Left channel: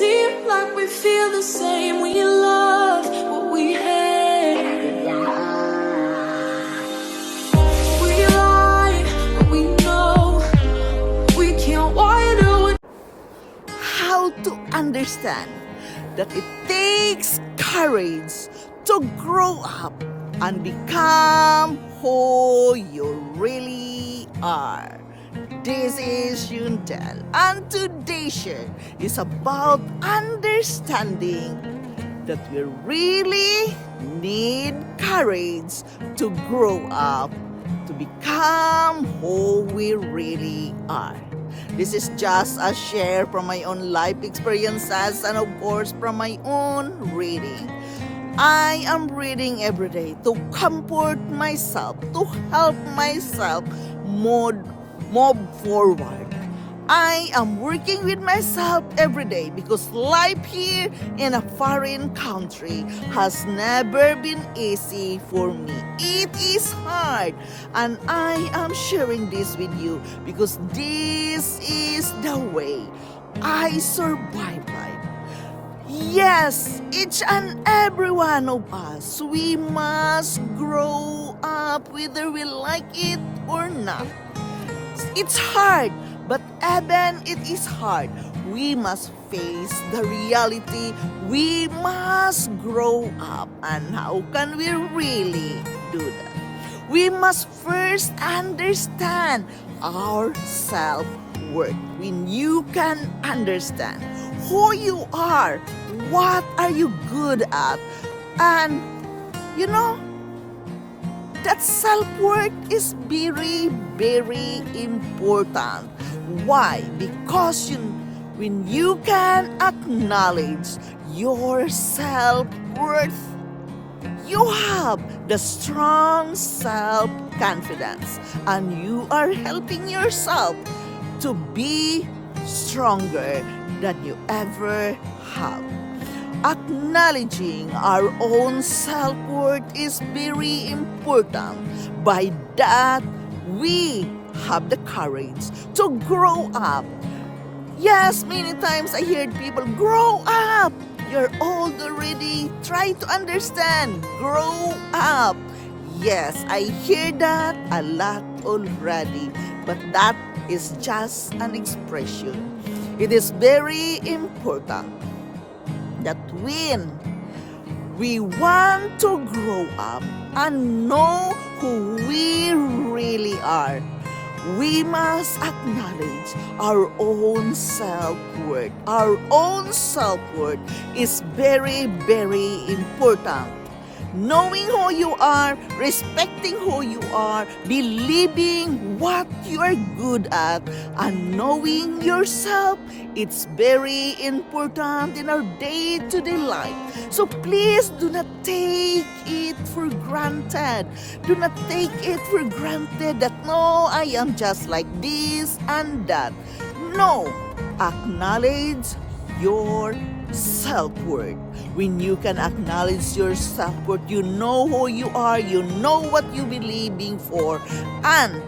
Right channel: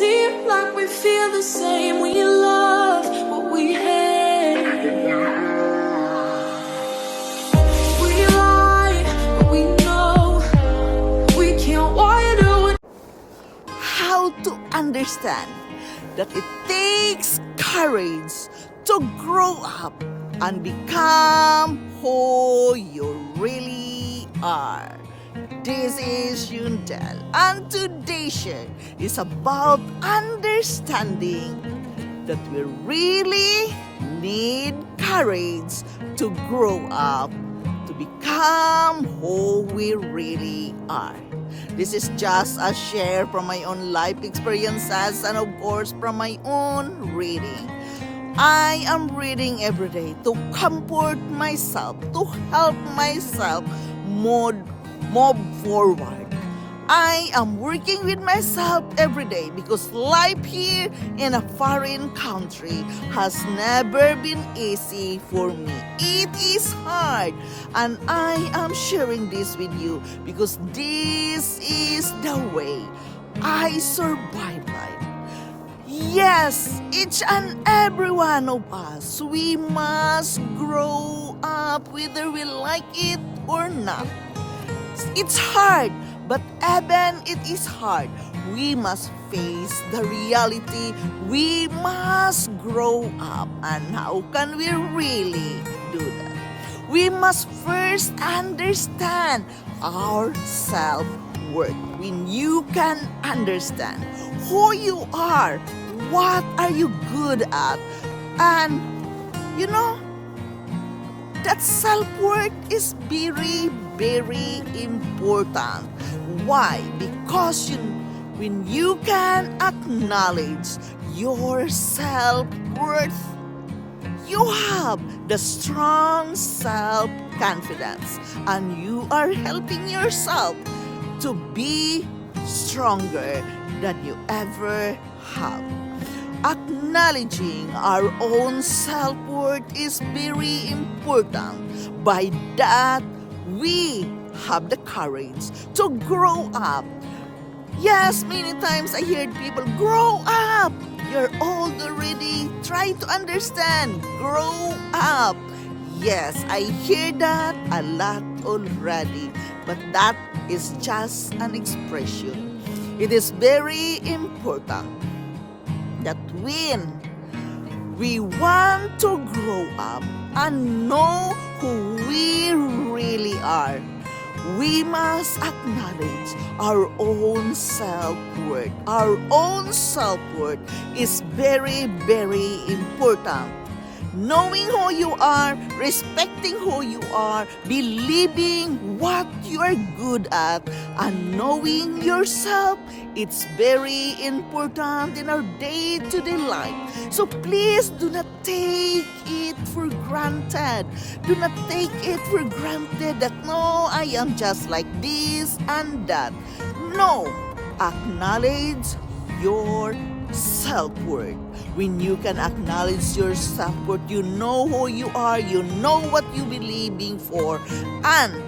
seem like we feel the same. We love what we hate. We lie, but we know we can't widen. How to understand that it takes courage to grow up and become who you really are. This is Yundel, and today's share is about understanding that we really need courage to grow up, to become who we really are. This is just a share from my own life experiences and of course from my own reading. I am reading every day to comfort myself, to help myself move forward. I am working with myself every day because life here in a foreign country has never been easy for me. It is hard, and I am sharing this with you because this is the way I survive life. Yes, each and every one of us, we must grow up whether we like it or not. It's hard, but even it is hard, we must face the reality. We must grow up. And how can we really do that? We must first understand our self-worth. When you can understand who you are, what are you good at, and you know, that self-worth is very, very important. Why? Because when you can acknowledge your self-worth, you have the strong self-confidence, and you are helping yourself to be stronger than you ever have. Acknowledging our own self-worth is very important. By that, we have the courage to grow up. Yes, many times I hear people, grow up. You're old already. Try to understand. Grow up. Yes, I hear that a lot already. But that is just an expression. It is very important that when we want to grow up and know who we really are, we must acknowledge our own self-worth. Our own self-worth is very, very important. Knowing who you are, respecting who you are, believing what you are good at, and knowing yourself, it's very important in our day-to-day life. So please do not take it for granted. Do not take it for granted that, no, I am just like this and that. No, acknowledge your self-worth. When you can acknowledge your self-worth, you know who you are, you know what you believing for, and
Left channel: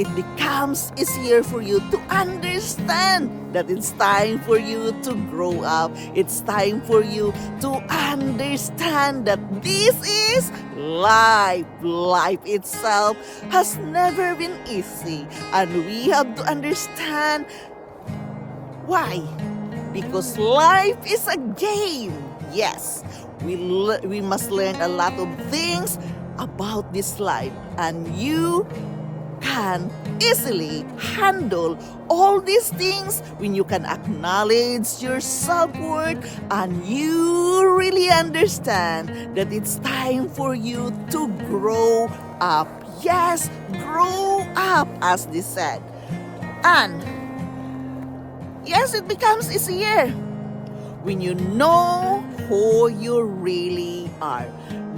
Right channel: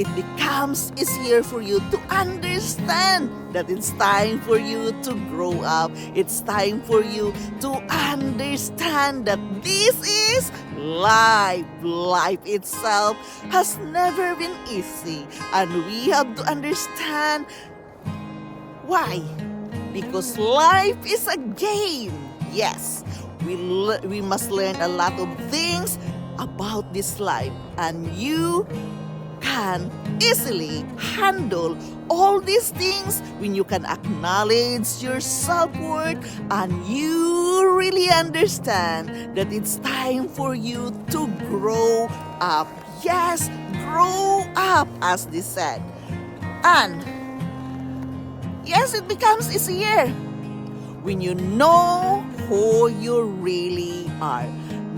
it becomes easier for you to understand that it's time for you to grow up. It's time for you to understand that this is life. Life itself has never been easy, and we have to understand why. Because life is a game. Yes, we must learn a lot of things about this life, and you can easily handle all these things when you can acknowledge your self-worth and you really understand that it's time for you to grow up. Yes, grow up, as they said. And yes, it becomes easier when you know who you really are.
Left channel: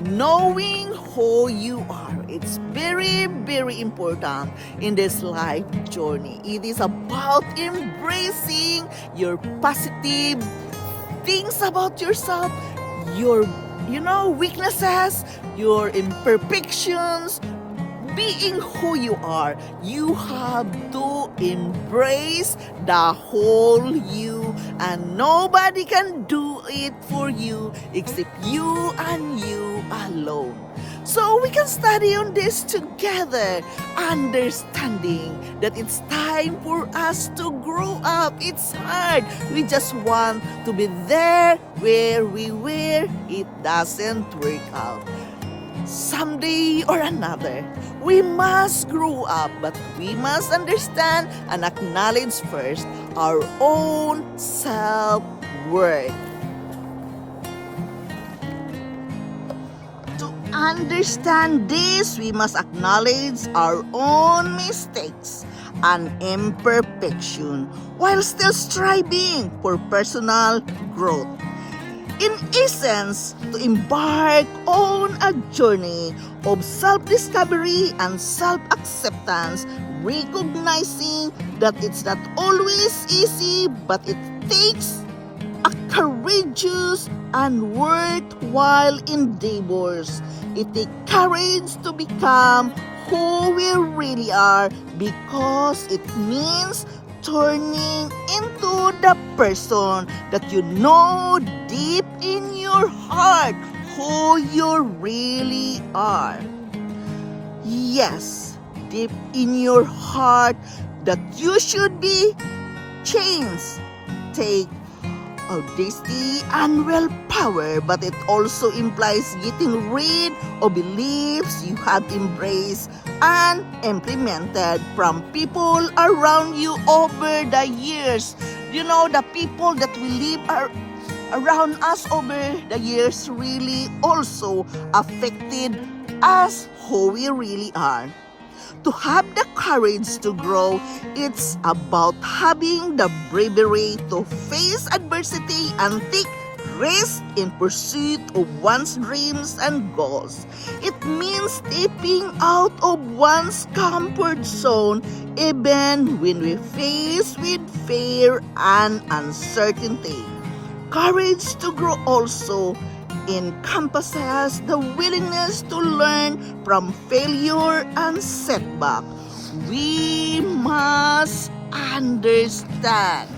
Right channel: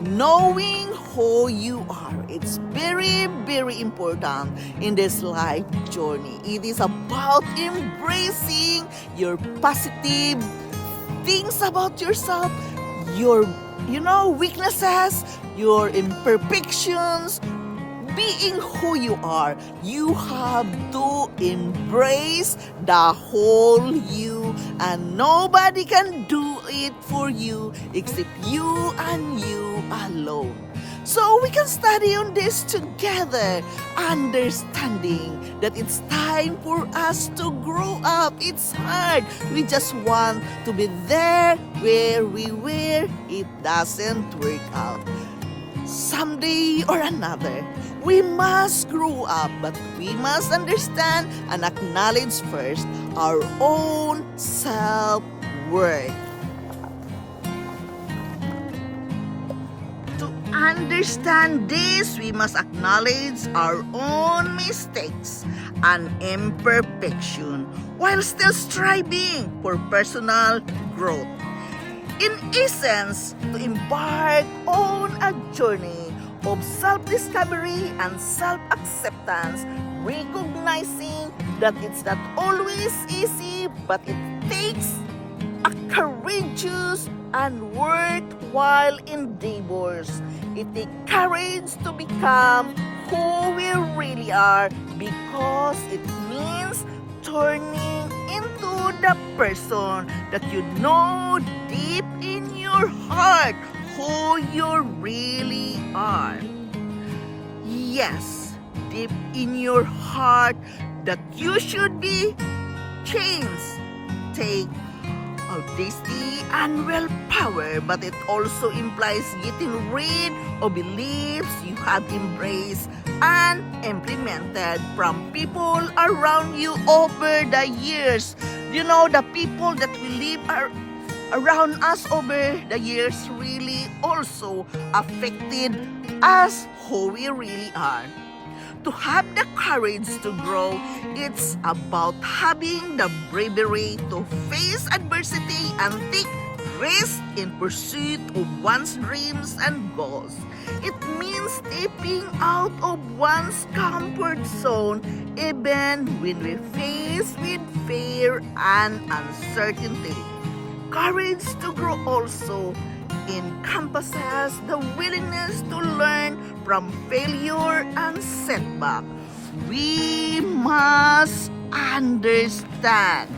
Knowing who you are, it's very, very important in this life journey. It is about embracing your positive things about yourself, your weaknesses, your imperfections. being who you are, you have to embrace the whole you, and nobody can do it for you except you and you alone. So we can study on this together, understanding that it's time for us to grow up. It's hard. We just want to be there where we were. It doesn't work out. Someday or another, we must grow up, but we must understand and acknowledge first our own self-worth. To understand this, we must acknowledge our own mistakes and imperfection while still striving for personal growth. In essence, to embark on a journey of self-discovery and self-acceptance, recognizing that it's not always easy, but it takes a courageous and worthwhile endeavors. It takes courage to become who we really are, because it means turning into the person that you know deep in your heart who you really are. Yes, deep in your heart that you should be changed. Take audacity and willpower, but it also implies getting rid of beliefs you have embraced and implemented from people around you over the years. You know, the people that we live around us over the years really also affected us who we really are. To have the courage to grow, it's about having the bravery to face adversity and take risks in pursuit of one's dreams and goals. It means stepping out of one's comfort zone even when we face with fear and uncertainty. Courage to grow also encompasses the willingness to learn from failure and setback. We must understand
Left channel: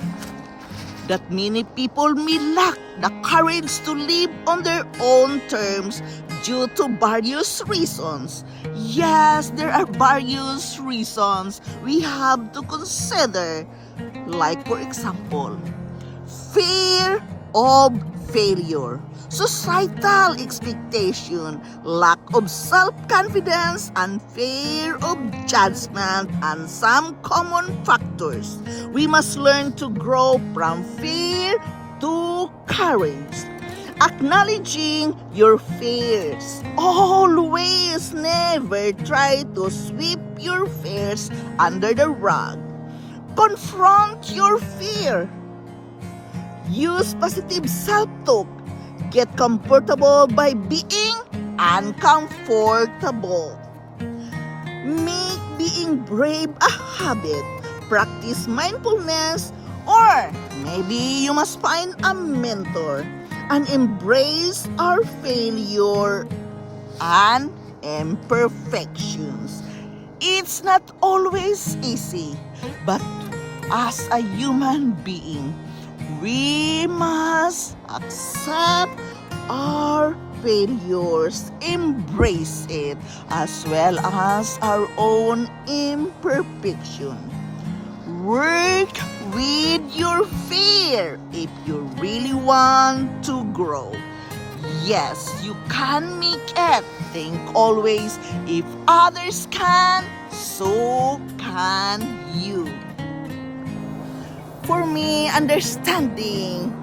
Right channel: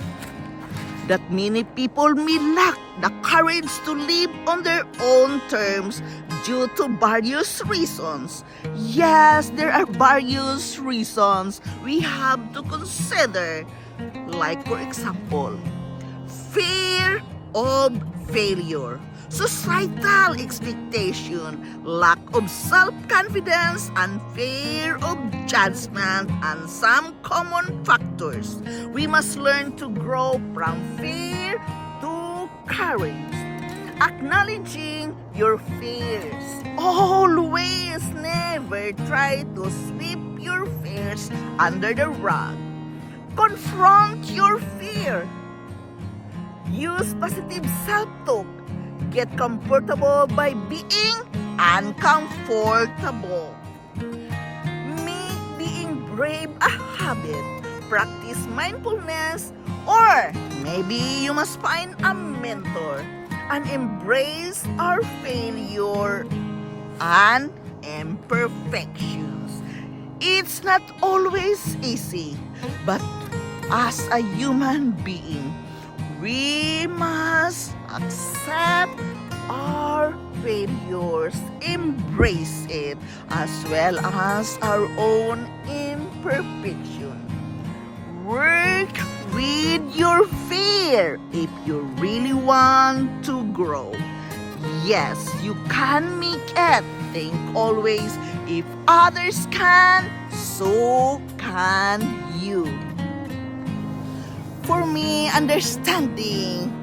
that many people may lack the courage to live on their own terms due to various reasons. Yes, there are various reasons we have to consider, like for example, fear of failure, societal expectation, lack of self-confidence, and fear of judgment, and some common factors. We must learn to grow from fear to courage. Acknowledging your fears. Always never try to sweep your fears under the rug. Confront your fear. Use positive self-talk. Get comfortable by being uncomfortable. Make being brave a habit. Practice mindfulness, or maybe you must find a mentor and embrace our failure and imperfections. It's not always easy, but as a human being, we must accept our failures, embrace it, as well as our own imperfection. Work with your fear if you really want to grow. Yes, you can make it. Think always, if others can, so can you. For me, understanding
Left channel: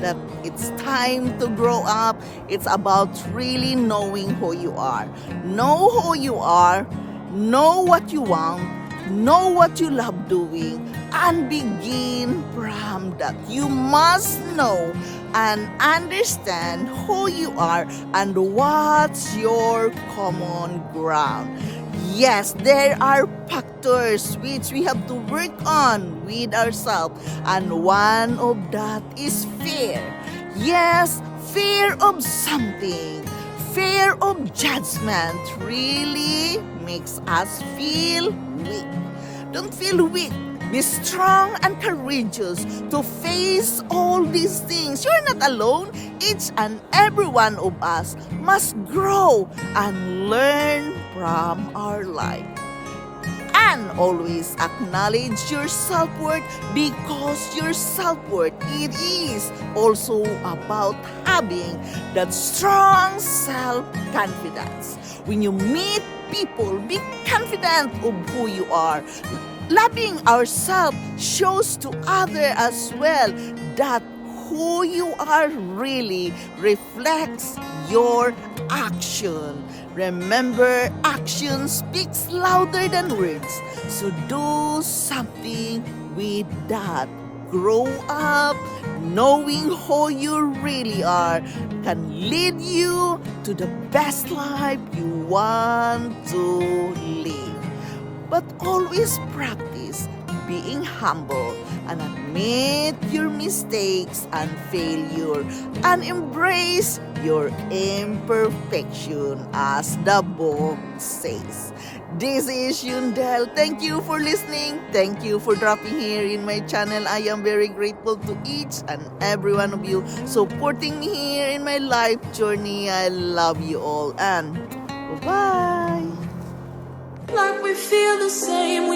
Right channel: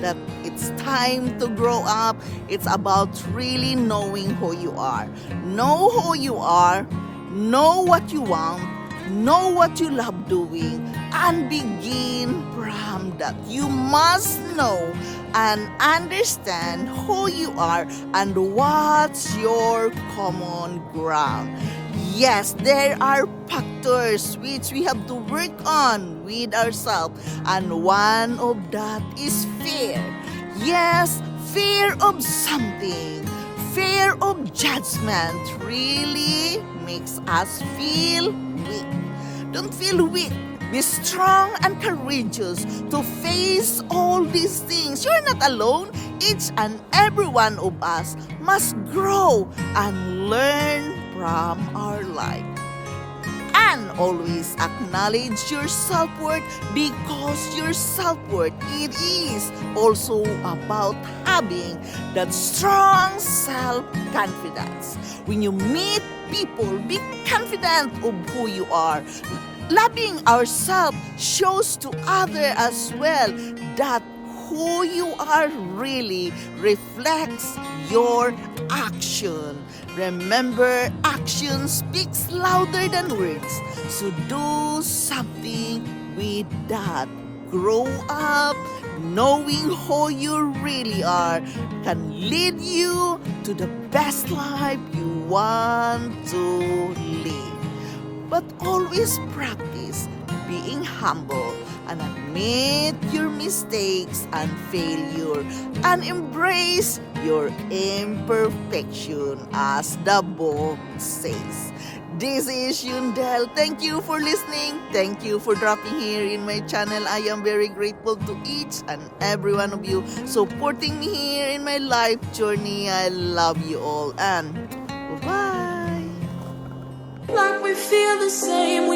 that it's time to grow up, it's about really knowing who you are. Know who you are, know what you want, know what you love doing, and begin from that. You must know and understand who you are and what's your common ground. Yes, there are factors which we have to work on with ourselves, and one of that is fear. Yes, fear of something, fear of judgment really makes us feel weak. Don't feel weak. Be strong and courageous to face all these things. You're not alone. Each and every one of us must grow and learn from our life. And always acknowledge your self-worth, because your self-worth, it is also about having that strong self-confidence. When you meet people, be confident of who you are. Loving ourselves shows to others as well that who you are really reflects your action. Remember, action speaks louder than words. So do something with that. Grow up knowing who you really are can lead you to the best life you want to live. But always practice being humble and admit your mistakes and failure and embrace your imperfection, as the book says. This is Yundel. Thank you for listening. Thank you for dropping here in my channel. I am very grateful to each and every one of you supporting me here in my life journey. I love you all and bye-bye. Like we feel the same.